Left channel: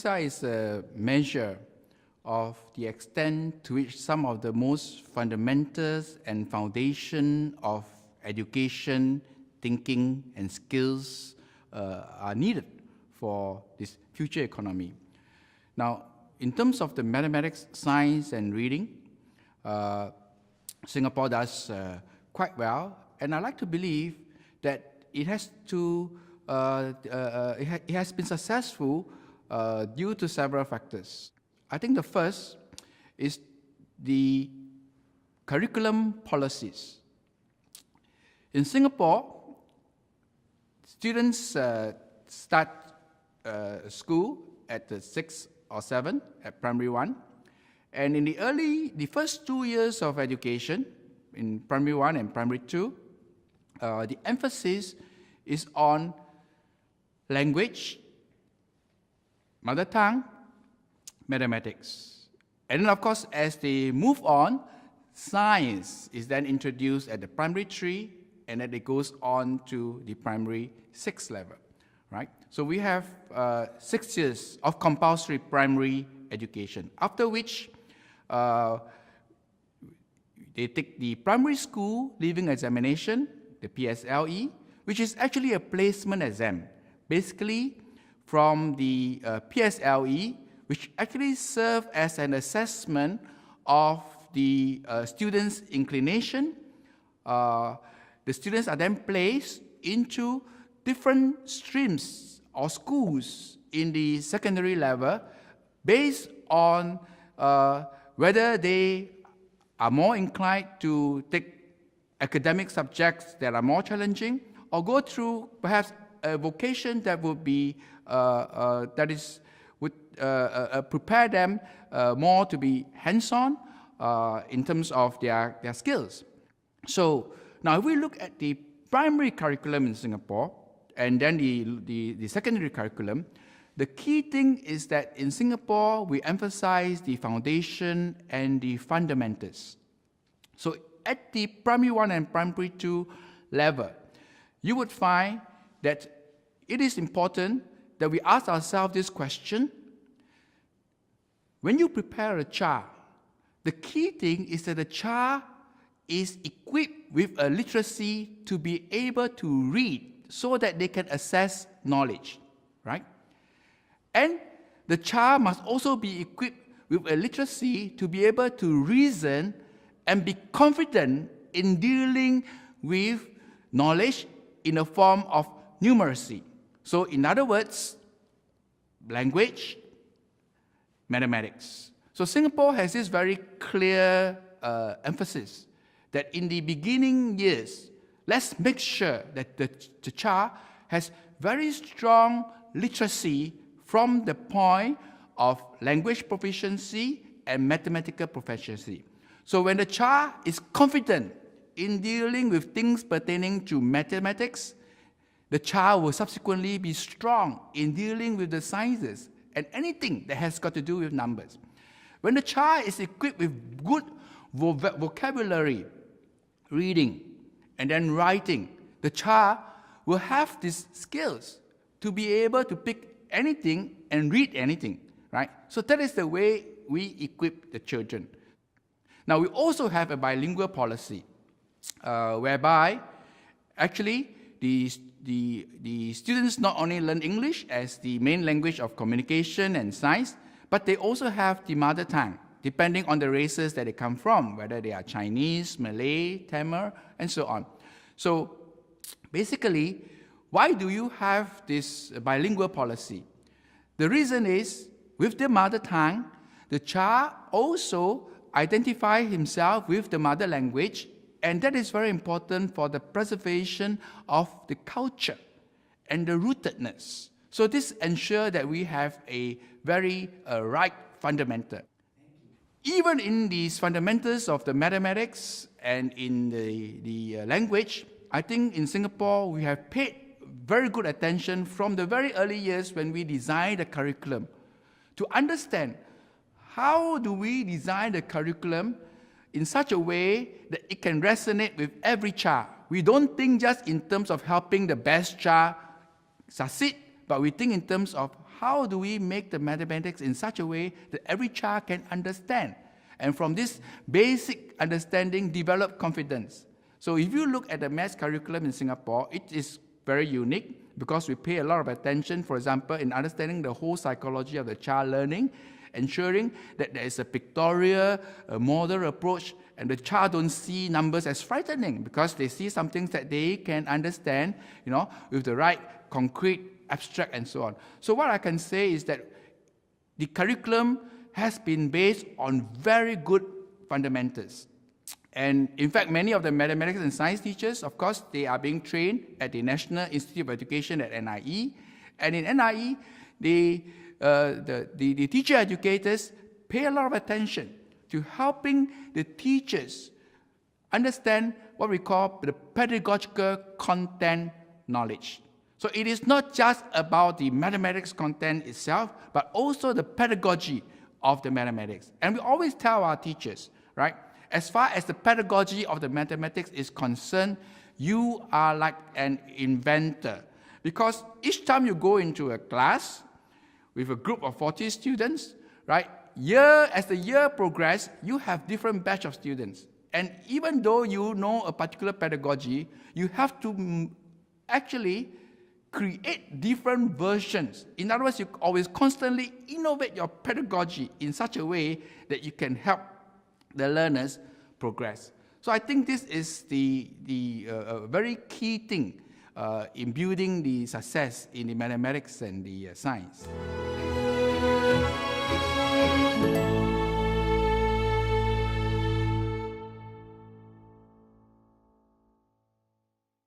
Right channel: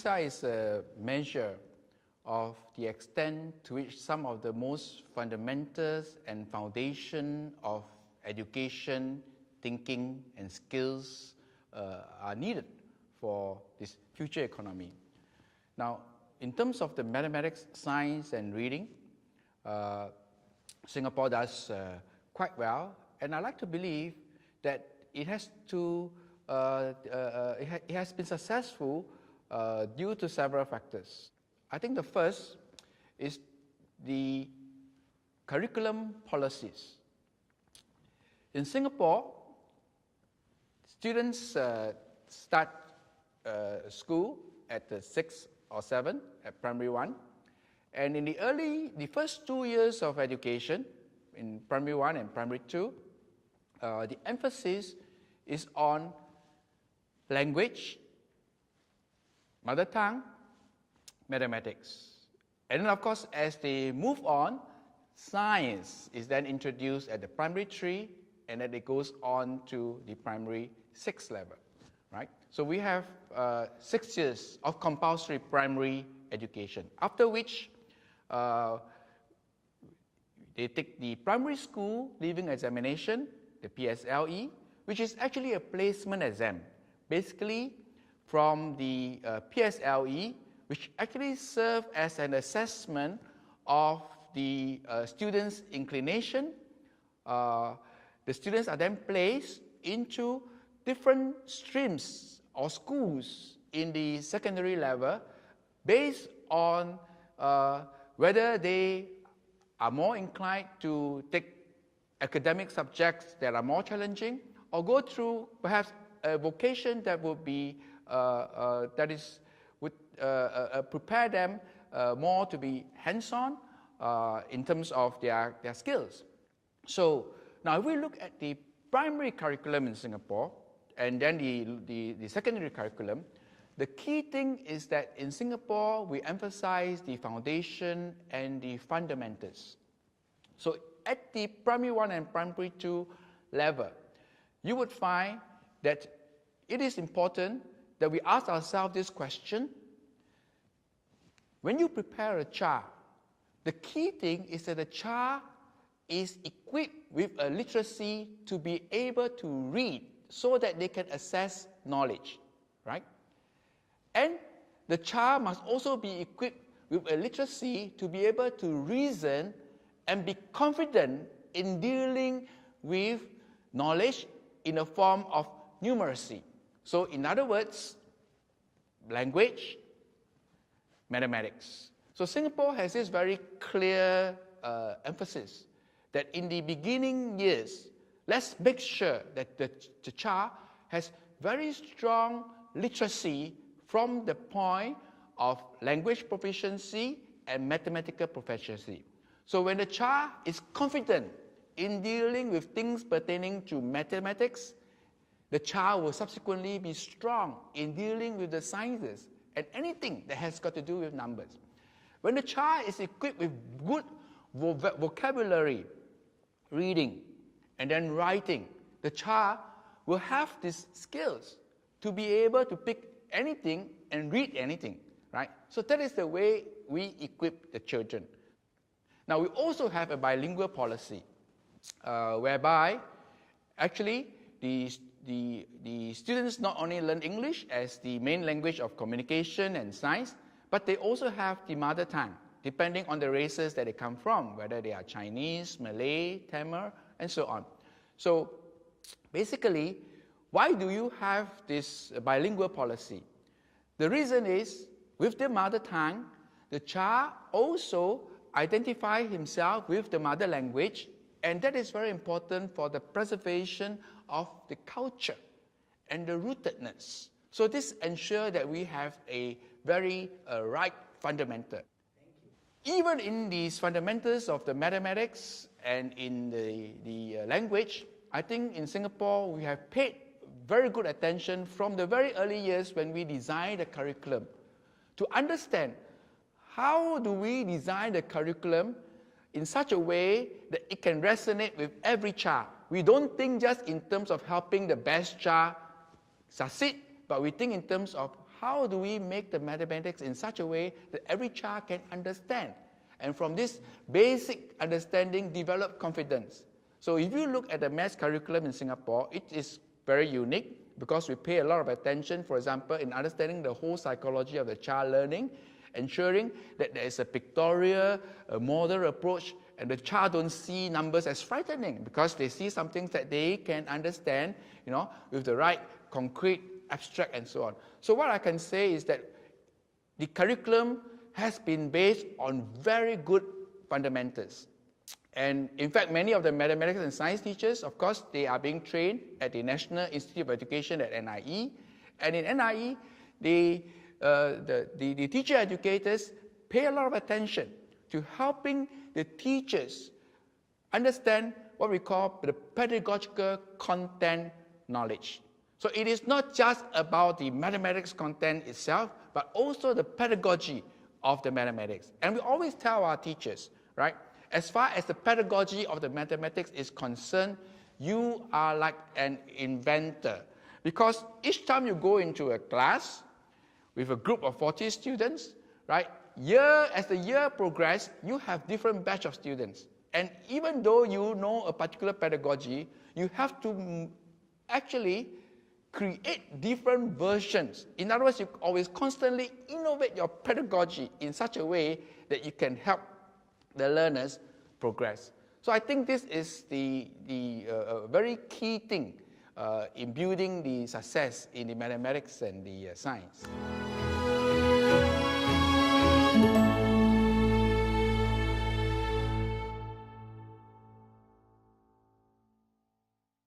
PISA is a measure of the extent to which some of the most fundamentals and foundation of education, thinking, and skills are needed for this future economy. Now, in terms of the mathematics, science, and reading, Singapore does quite well, and I like to believe that it has been successful due to several factors. I think the first is the curriculum policies. In Singapore, students start school at 6 or 7 at primary 1, and in the first 2 years of education, in primary 1 and primary 2, the emphasis is on language, mother tongue, mathematics. And then of course, as they move on, science is then introduced at the primary 3, and then it goes on to the primary 6 level, right? So we have 6 years of compulsory primary education, after which they take the primary school leaving examination, the PSLE, which is actually a placement exam, basically from the PSLE, which actually serve as an assessment of the students' inclination. The students are then placed into different streams or schools in the secondary level based on whether they are more inclined to take academic subjects that are more challenging, or go through perhaps a vocation that would be would prepare them more to be hands-on in terms of their skills. So now if we look at the primary curriculum in Singapore and then the secondary curriculum, the key thing is that in Singapore we emphasize the foundation and the fundamentals. So at the primary 1 and primary 2 level, you would find that it is important that we ask ourselves this question: when you prepare a child, the key thing is that the child is equipped with a literacy to be able to read so that they can access knowledge, right? And the child must also be equipped with a literacy to be able to reason and be confident in dealing with knowledge in the form of numeracy. So in other words, language, mathematics. So Singapore has this very clear emphasis that in the beginning years, let's make sure that the child has very strong literacy from the point of language proficiency and mathematical proficiency. So when the child is confident in dealing with things pertaining to mathematics, the child will subsequently be strong in dealing with the sciences and anything that has got to do with numbers. When the child is equipped with good vocabulary, reading, and then writing, the child will have these skills to be able to pick anything and read anything, right? So that is the way we equip the children. Now we also have a bilingual policy, whereby actually the students not only learn English as the main language of communication and science, but they also have the mother tongue, depending on the races that they come from, whether they are Chinese, Malay, Tamil, and so on. So basically, why do you have this bilingual policy? The reason is, with the mother tongue, the child also identifies himself with the mother language, and that is very important for the preservation of the culture and the rootedness. So this ensures that we have a very right fundamental. Even in these fundamentals of the mathematics and in the language, I think in Singapore we have paid very good attention from the very early years when we designed the curriculum to understand how do we design the curriculum in such a way that it can resonate with every child. We don't think just in terms of helping the best child succeed, but we think in terms of how do we make the mathematics in such a way that every child can understand? And from this basic understanding, develop confidence. So if you look at the maths curriculum in Singapore, it is very unique because we pay a lot of attention, for example, in understanding the whole psychology of the child learning, ensuring that there is a pictorial, a model approach, and the child don't see numbers as frightening because they see something that they can understand, with the right concrete, abstract, and so on. So what I can say is that the curriculum has been based on very good fundamentals. And in fact, many of the mathematics and science teachers, of course, they are being trained at the National Institute of Education at NIE. And in NIE, the teacher educators pay a lot of attention to helping the teachers understand what we call the pedagogical content knowledge. So it is not just about the mathematics content itself, but also the pedagogy of the mathematics. And we always tell our teachers, right, as far as the pedagogy of the mathematics is concerned, you are like an inventor. Because each time you go into a class with a group of 40 students, right, as the year progresses, you have different batch of students. And even though you know a particular pedagogy, you have to actually create different versions. In other words, you always constantly innovate your pedagogy in such a way that you can help the learners progress. So I think this is the very key thing in building the success in the mathematics and the science.